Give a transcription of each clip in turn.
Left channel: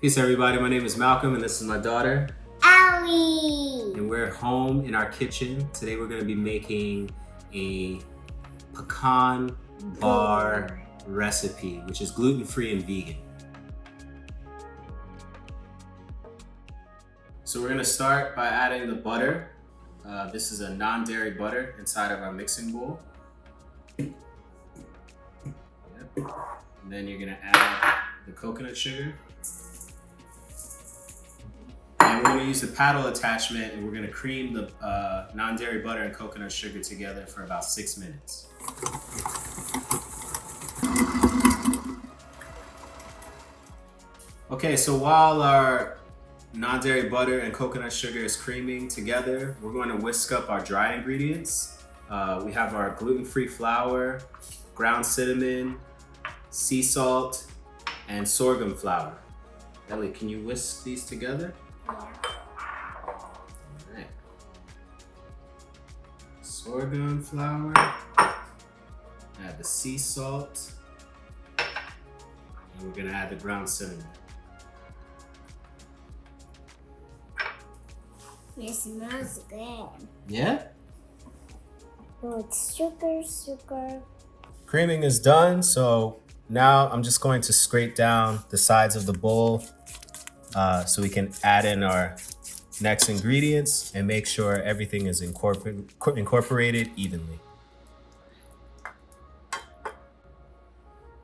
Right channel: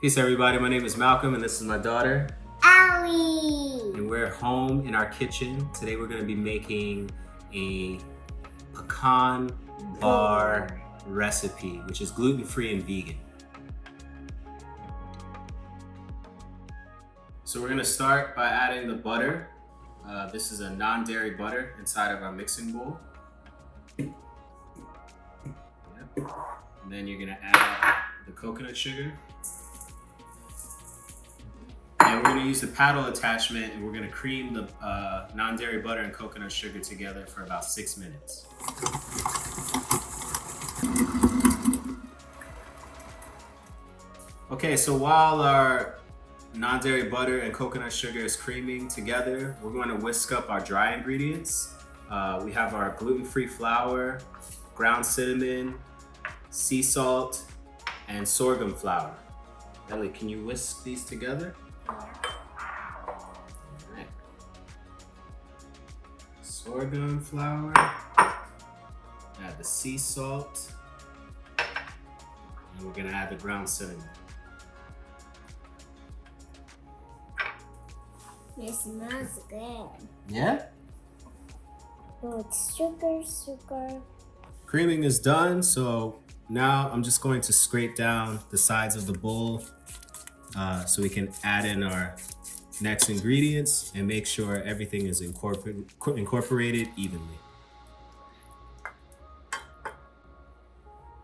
Peace everybody, my name is Malcolm and this is my daughter, Allie. and we're home in our kitchen. Today we're going to be making a pecan bar recipe, which is gluten-free and vegan. So we're going to start by adding the butter. This is a non-dairy butter inside of our mixing bowl. Yep. And then you're going to add the coconut sugar. And we're going to use the paddle attachment and we're going to cream the non-dairy butter and coconut sugar together for about 6 minutes. Okay, so while our non-dairy butter and coconut sugar is creaming together, we're going to whisk up our dry ingredients. We have our gluten-free flour, ground cinnamon, sea salt, and sorghum flour. Ellie, can you whisk these together? Alright. Sorghum flour, add the sea salt, and we're gonna add the ground cinnamon. It smells good. Yeah? Oh, it's sugar. Creaming is done, so now I'm just going to scrape down the sides of the bowl so we can add in our next ingredients and make sure everything is incorporated evenly.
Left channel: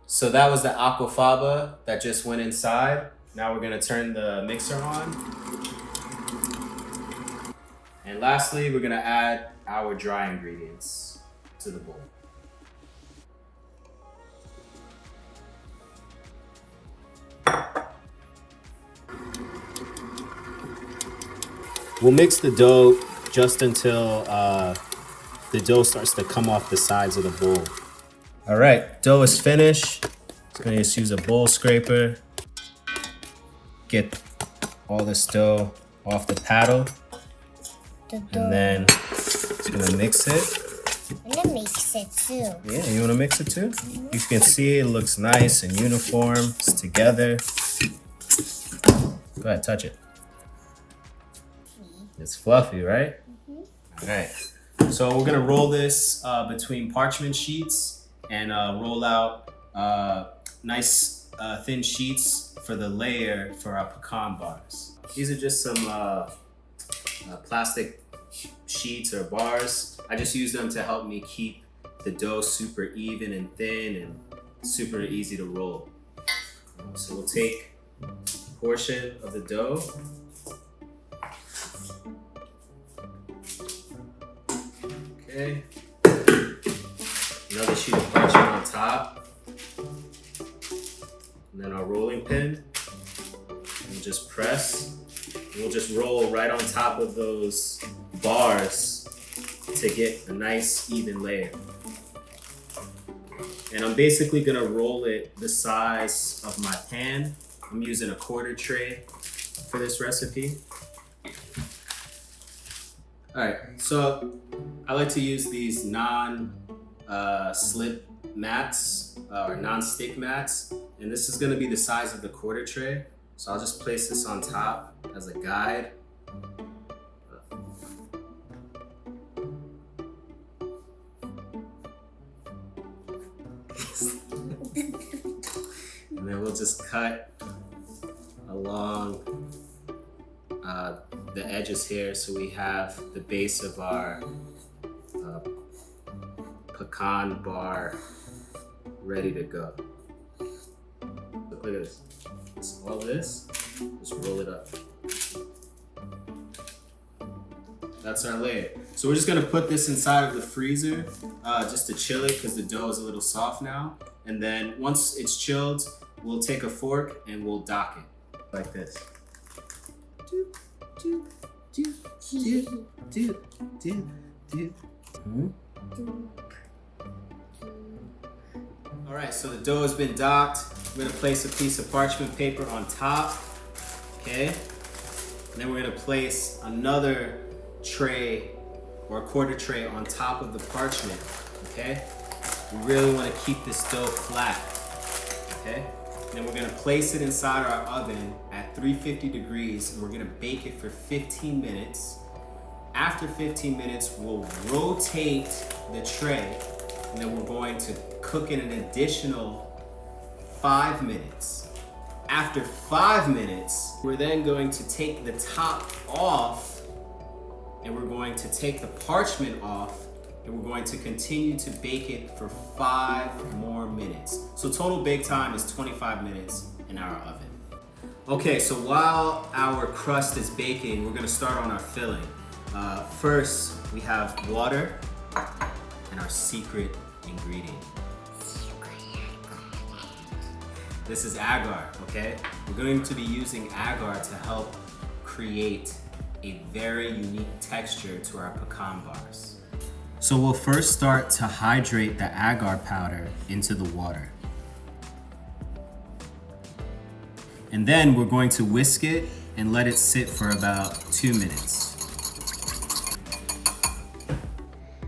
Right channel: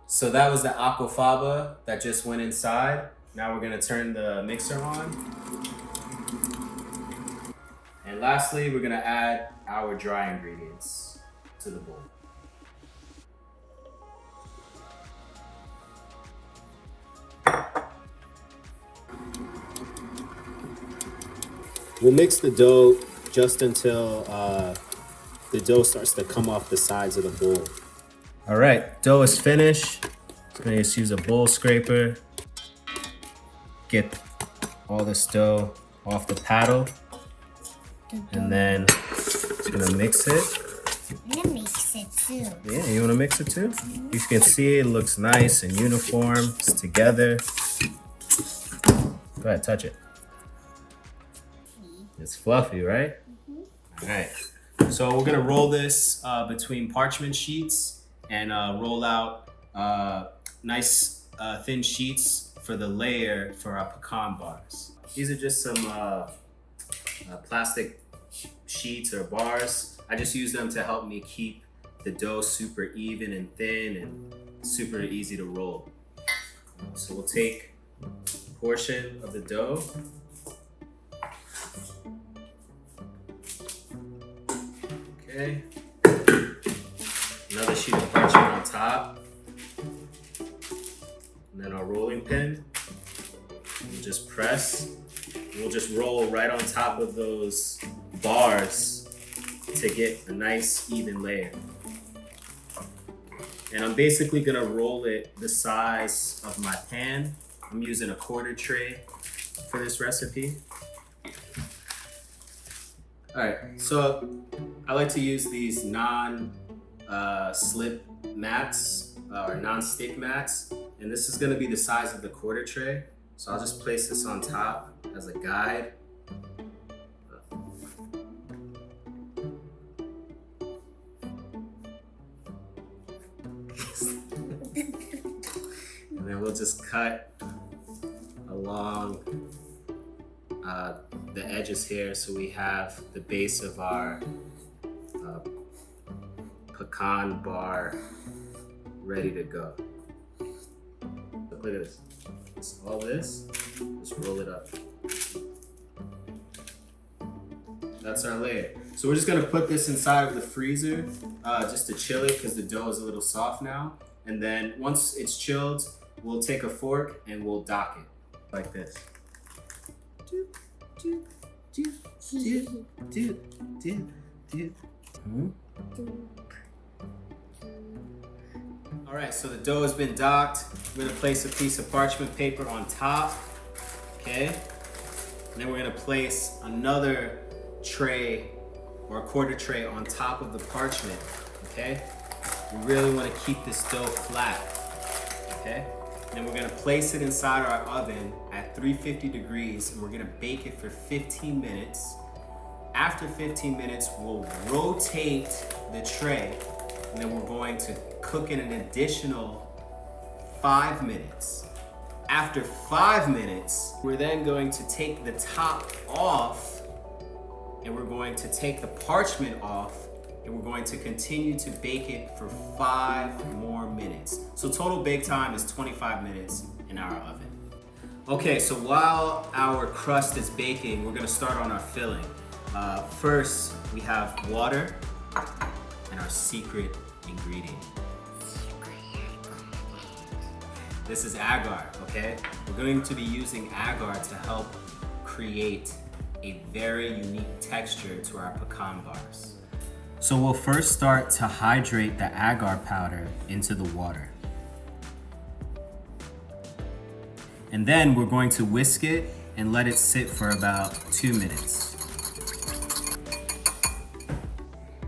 So that was the aquafaba that just went inside. Now we're gonna turn the mixer on. And lastly, we're gonna add our dry ingredients to the bowl. We'll mix the dough just until the dough starts to come off the sides of the bowl. All right, dough is finished. Just gonna just use a bowl scraper. Get all this dough off the paddle. And then just gonna mix it. I'm gonna mix it too. Yeah, you wanna mix it too? You can see it looks nice and uniform. It's together. Go ahead, touch it. It's fluffy, right? All right. So we're gonna roll this between parchment sheets and roll out nice thin sheets for the layer for our pecan bars. These are just some plastic sheets or bars. I just use them to help me keep the dough super even and thin and super easy to roll. So we'll take a portion of the dough. Okay. Another sheet of parchment on top. And then our rolling pin. We'll just press. We'll just roll right on top of those bars to get a nice even layer. And I'm basically gonna roll it the size of my pan. I'm using a quarter tray for this recipe. All right, so I like to use these non-slip mats or non-stick mats, and this is gonna be the size of the quarter tray. So I'll just place this on top as a guide. And then we'll just cut along the edges here so we have the base of our pecan bar ready to go. Look at this. All this, just roll it up. That's our layer. So we're just gonna put this inside of the freezer just to chill it because the dough is a little soft now. And then once it's chilled, we'll take a fork and we'll dock it like this. All right, so the dough has been docked. We're gonna place a piece of parchment paper on top, okay? And then we're gonna place another tray or a quarter tray on top of the parchment, okay? We really wanna keep this dough flat, okay? And then we're gonna place it inside our oven at 350 degrees, and we're gonna bake it for 15 minutes. After 15 minutes, we'll rotate the tray, and then we're going to cook it an additional 5 minutes. After 5 minutes, we're then going to take the top off, and we're going to take the parchment off, and we're going to continue to bake it for 5 more minutes. So total bake time is 25 minutes in our oven. Okay, so while our crust is baking, we're gonna start on our filling. First, we have water and our secret ingredient. This is agar, okay? We're going to be using agar to help create a very unique texture to our pecan bars. So we'll first start to hydrate the agar powder into the water. And then we're going to whisk it and let it sit for about 2 minutes.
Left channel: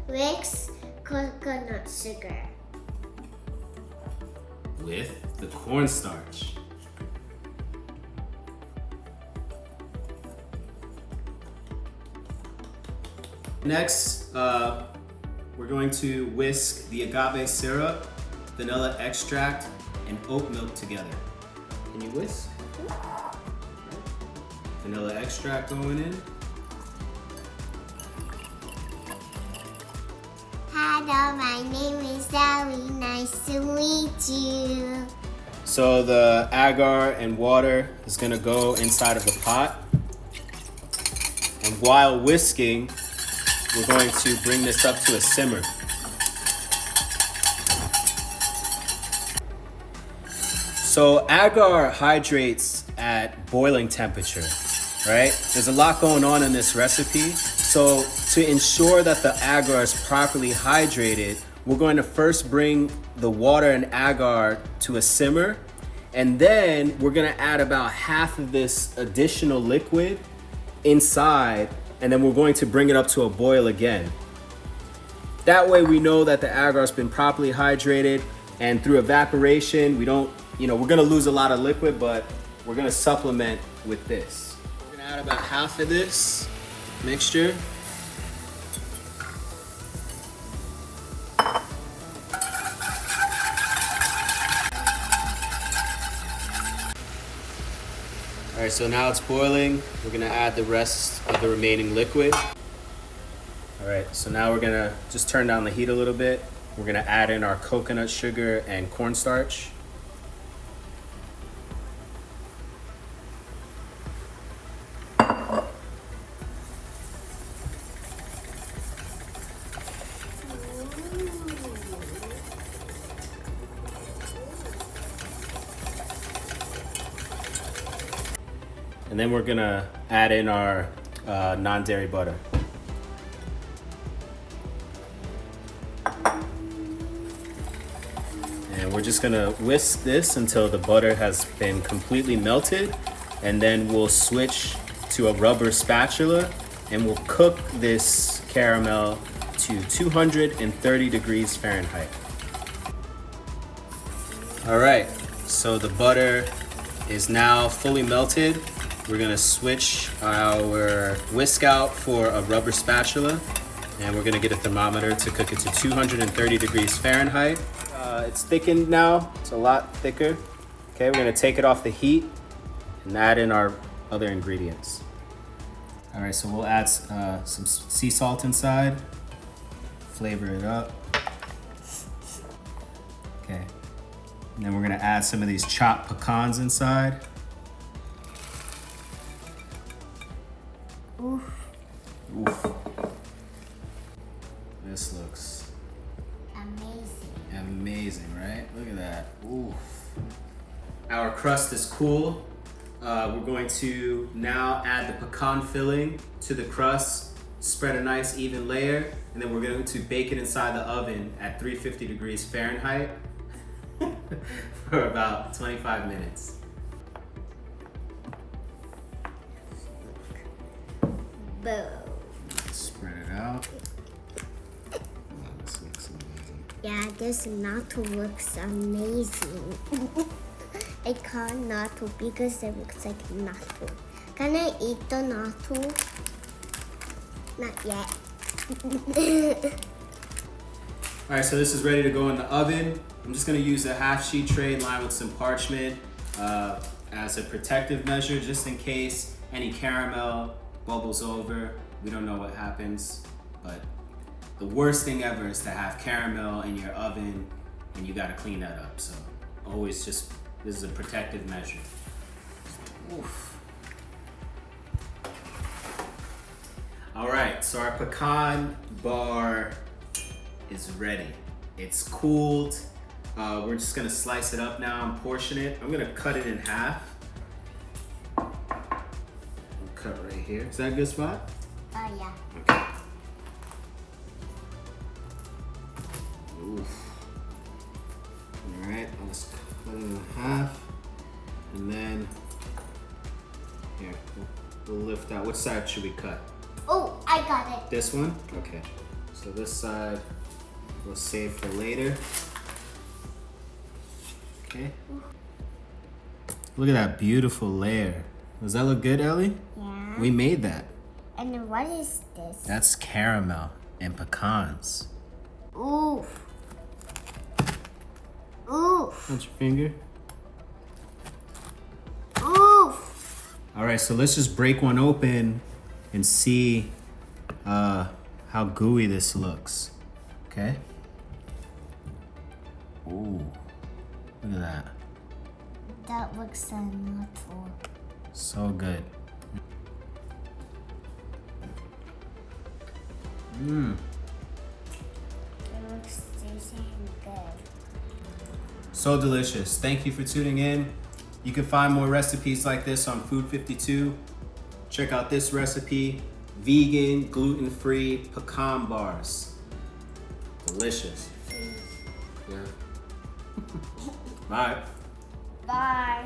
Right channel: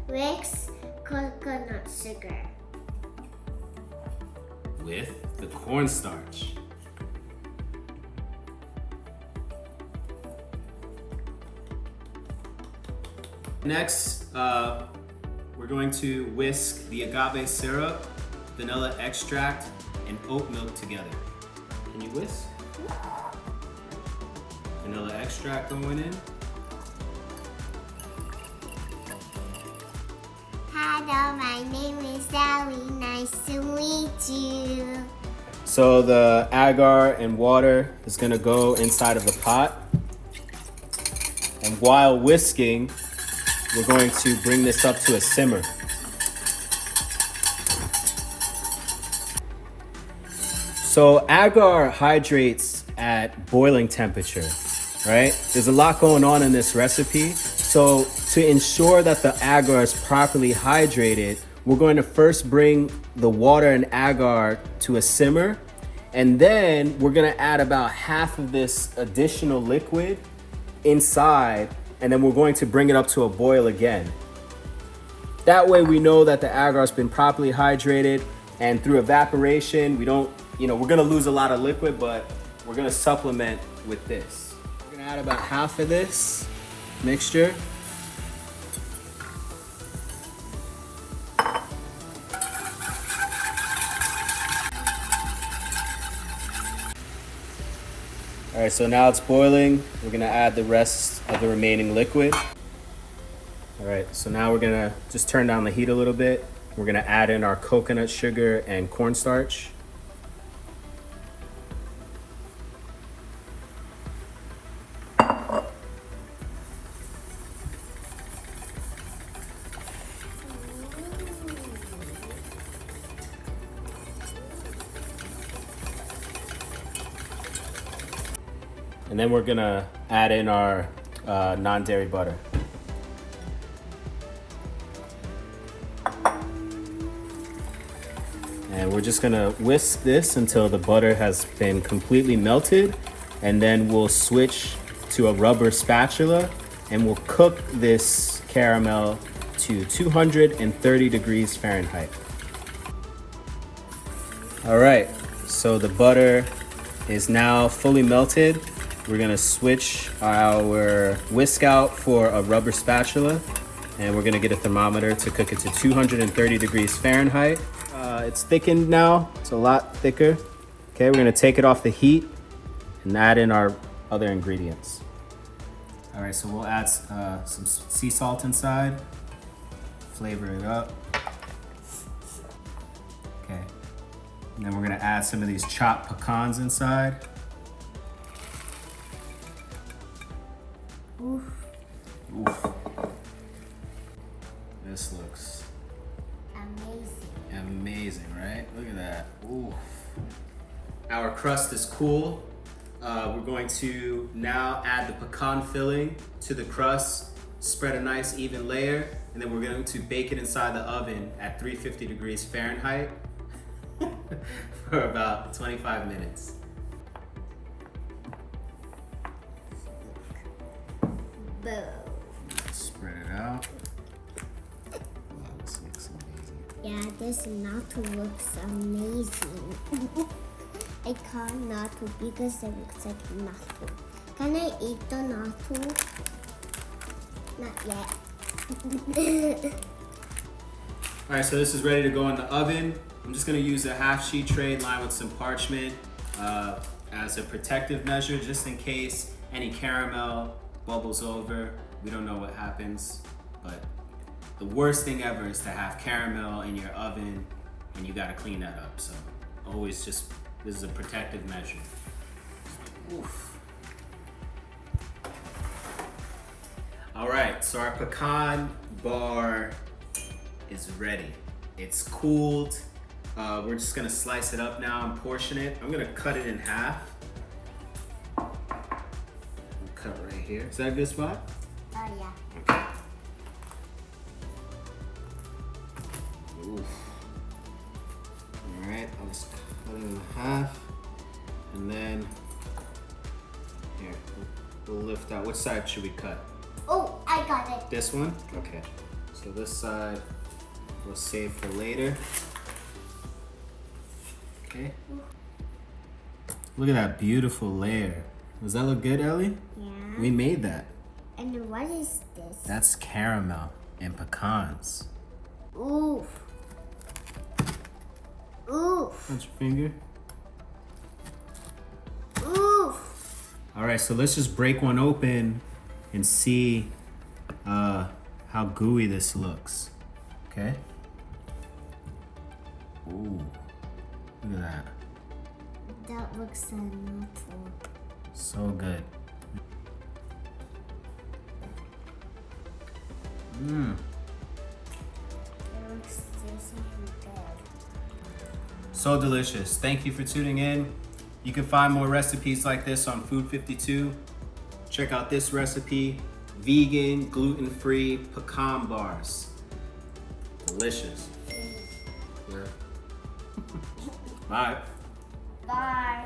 Mix coconut sugar. With the cornstarch. Next, we're going to whisk the agave syrup, vanilla extract, and oat milk together. Can you whisk? Vanilla extract going in. Hello, my name is Sally. Nice to meet you. So the agar and water is gonna go inside of the pot. And while whisking, we're going to bring this up to a simmer. So agar hydrates at boiling temperature, right? There's a lot going on in this recipe. So to ensure that the agar is properly hydrated, we're going to first bring the water and agar to a simmer, and then we're gonna add about half of this additional liquid inside, and then we're going to bring it up to a boil again. That way we know that the agar has been properly hydrated, and through evaporation, we're gonna lose a lot of liquid, but we're gonna supplement with this. We're gonna add about half of this mixture. All right, so now it's boiling. We're gonna add the rest of the remaining liquid. All right, so now we're gonna just turn down the heat a little bit. We're gonna add in our coconut sugar and cornstarch. And then we're gonna add in our non-dairy butter. And we're just gonna whisk this until the butter has been completely melted, and then we'll switch to a rubber spatula and we'll cook this caramel to 230 degrees Fahrenheit. All right, so the butter is now fully melted. We're gonna switch our whisk out for a rubber spatula, and we're gonna get a thermometer to cook it to 230 degrees Fahrenheit. It's thickened now, it's a lot thicker. Okay, we're gonna take it off the heat and add in our other ingredients. All right, so we'll add some sea salt inside, flavor it up. Okay, and then we're gonna add some of these chopped pecans inside. Oof. Oof. This looks amazing, right? Look at that. Oof. Our crust is cool. We're going to now add the pecan filling to the crust, spread a nice even layer, and then we're going to bake it inside the oven at 350 degrees Fahrenheit for about 25 minutes. Boom. Spread it out. Oh, this looks amazing. Yeah, this nut looks amazing. I can't natto because it looks like natto. Can I eat the natto? Not yet. All right, so this is ready to go in the oven. I'm just gonna use a half sheet tray lined with some parchment as a protective measure, just in case any caramel bubbles over. We don't know what happens, but the worst thing ever is to have caramel in your oven and you gotta clean that up. So always just, this is a protective measure. Oof. All right, so our pecan bar is ready. It's cooled. We're just gonna slice it up now and portion it. I'm gonna cut it in half. I'll cut right here. Is that a good spot? Oh yeah. Okay. Oof. All right, I'll just cut it in half. And then, here, we'll lift out. Which side should we cut? Oh, I got it. This one? Okay. So this side we'll save for later. Okay. Look at that beautiful layer. Does that look good, Ellie? Yeah. We made that. And what is this? That's caramel and pecans. Oof. Oof. That's your finger. Oof. All right, so let's just break one open and see how gooey this looks. Okay. Ooh, look at that. That looks so natural. So good. Mmm. It looks tasty and good. So delicious. Thank you for tuning in. You can find more recipes like this on Food 52. Check out this recipe, vegan, gluten-free pecan bars. Delicious. Yeah. Bye. Bye.